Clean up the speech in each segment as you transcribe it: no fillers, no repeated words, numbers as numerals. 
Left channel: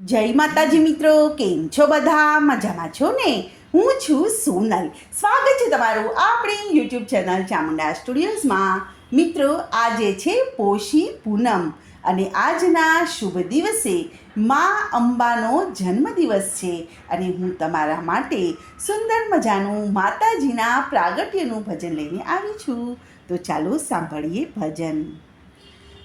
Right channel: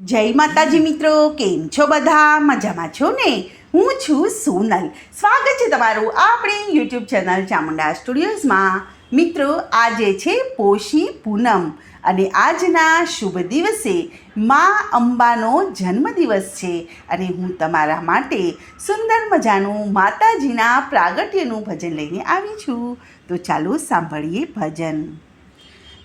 જય માતાજી મિત્રો, કેમ છો બધા? મજામાં છો ને? હું છું સોનલ. સ્વાગત છે તમારું આપણી યુટ્યુબ ચેનલ ચામુંડા સ્ટુડિયોઝમાં. મિત્રો, આજે છે પોષી પૂનમ અને આજના શુભ દિવસે મા અંબાનો જન્મદિવસ છે અને હું તમારા માટે સુંદર મજાનું માતાજીના પ્રાગટ્યનું ભજન લઈને આવી છું. તો ચાલો સાંભળીએ ભજન.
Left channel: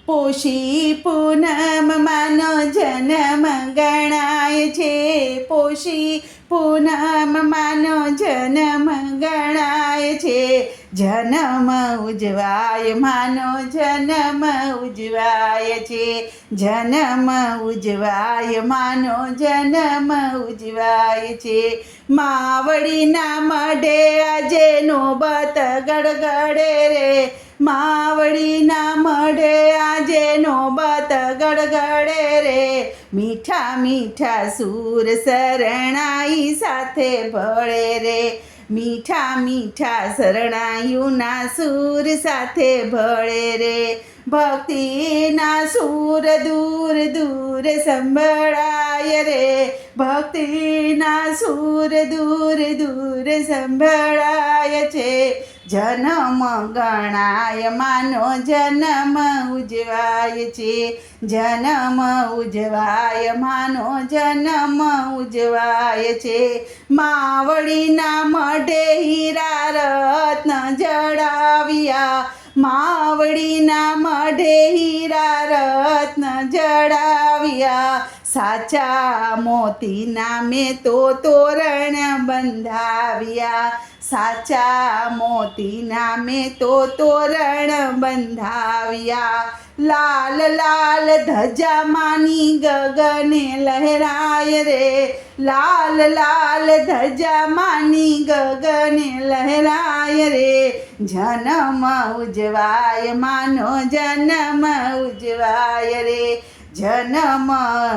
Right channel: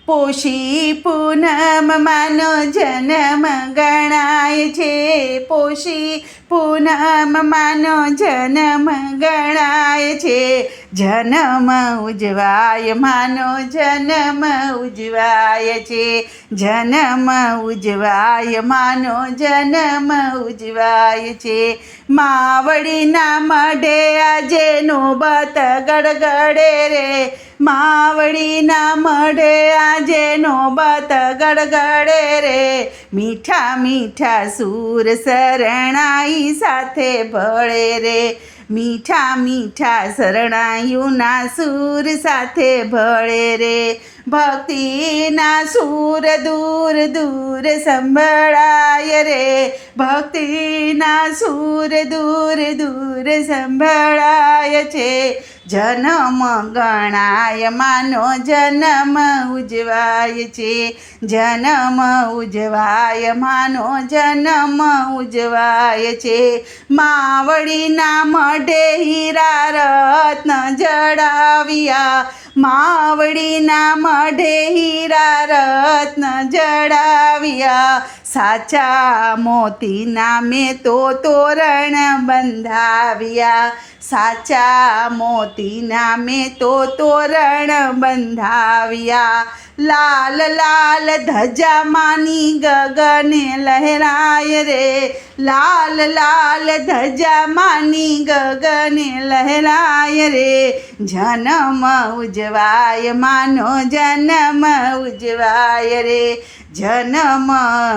પોષી પૂનમ માનો જન્મ ગણાય છે. પોષી પૂનમ માનો જન્મ ગણાય છે. જન્મ ઉજવાય માનો જન્મ ઉજવાય છે. જન્મ ઉજવાય માનો જન્મ ઉજવાય છે. માવડીના મઢે આજે નોબત ગડગડે રે. માવડીના મઢે આજે નોબત ગડગડે રે. મીઠા મીઠા સૂર શરણાઈ સાથે ભળે રે. મીઠા મીઠા શરણાઈઓના સૂર સાથે ભળે રે. ભક્તિના સૂર દૂર દૂર સંભળાય રે. ભક્તિના સૂર દૂર દૂર સંભળાય છે. જન્મ ગણાય માનો જન્મ ઉજવાય છે. જન્મ ઉજવાય માનો જન્મ ઉજવાય છે. માવડીના મઢે હીરા રત્ન જડાવ્યા. માવડીના મઢે હીરા રત્ન જડાવ્યા. સાચા મોતીના મેં તો તોરણ બંધાવ્યા. સાચા મોતીના મેં તો તોરણ બંધાવ્યા. લાલ લાલ ધજા માની ગગને લહેરાય રે. લાલ લાલ ધજા માની ગગને લહેરાય રે. જન્મ ઉજવાય માનો જન્મ ઉજવાય રે. જન્મ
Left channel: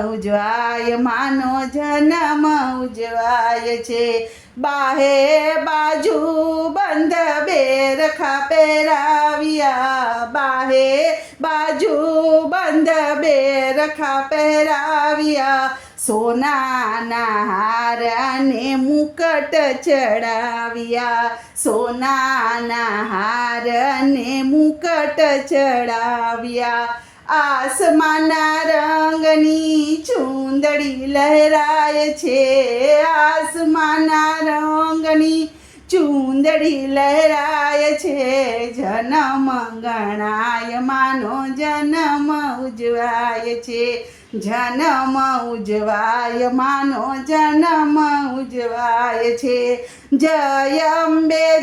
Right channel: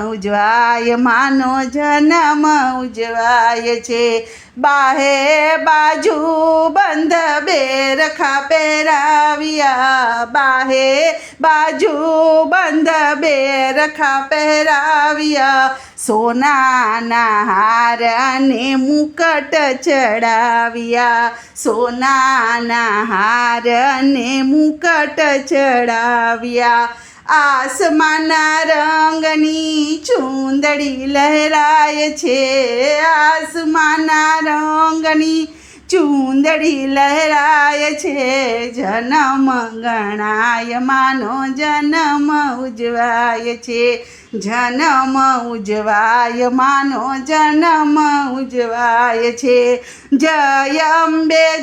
ઉજવાય માનો જન્મ ઉજવાય છે. બાહે બાજુ બંધ બેરખા પહેરાવ્યા. બાહે બાજુ બંધ બેરખા પહેરાવ્યા. સોનાના હાર અને મુકટ ચડાવ્યા. સોનાના હાર અને મુકટ ચડાવ્યા. આસમાનના રંગની ચૂંદડી લહેરાય છે. આસમાનના રંગની ચૂંદડી લહેરાય છે. જન્મ ગણાય માનો જન્મ ઉજવાય છે. જન્મ ઉજવાય માનો જન્મ ઉજવાય છે. જય અંબે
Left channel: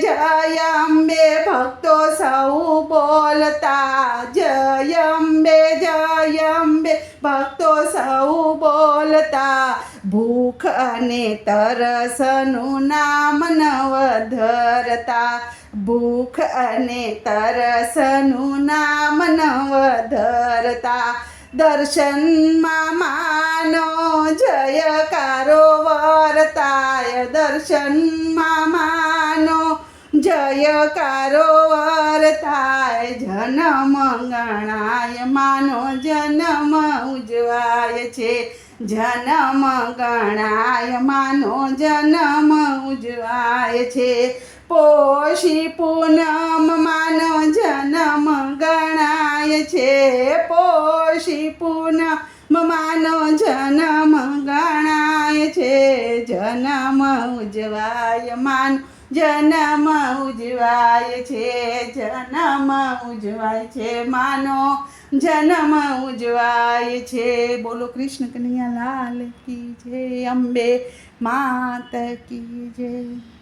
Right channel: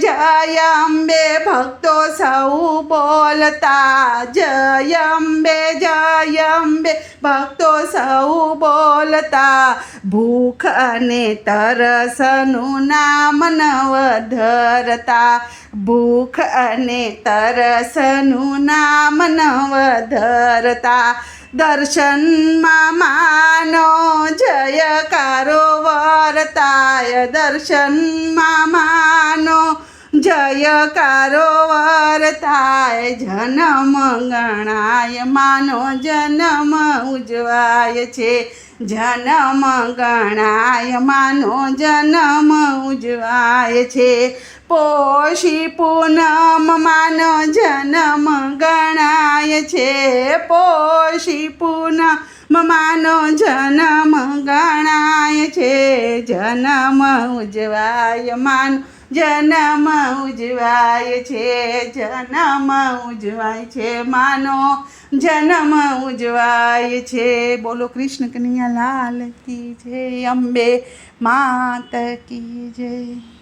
ભક્તો સૌ બોલતા. જય અંબે ભક્તો સૌ બોલતા. ભૂખ અને તરસનું નામ નવ ધરતા. ભૂખ અને તરસનું નામ નવ ધરતા. દર્શનમાં માનો જયકારો વર્તાય. દર્શનમાં માનો જયકારો વર્તાય. જન્મ ગણાય માનો જન્મ ઉજવાય છે. જન્મ ગણાય માનો જન્મ ઉજવાય છે. પોષી પૂનમ માનો જન્મ ગણાય છે. પોષી પૂનમ માનો જન્મ ગણાય છે. જન્મ ઉજવાય માનો જન્મ ઉજવાય છે. જન્મ ઉજવાય છે માનો જન્મ ઉજવાય છે. બોલો કૃષ્ણ કનૈયા લાલ કી જય. અંબે માત કી જય.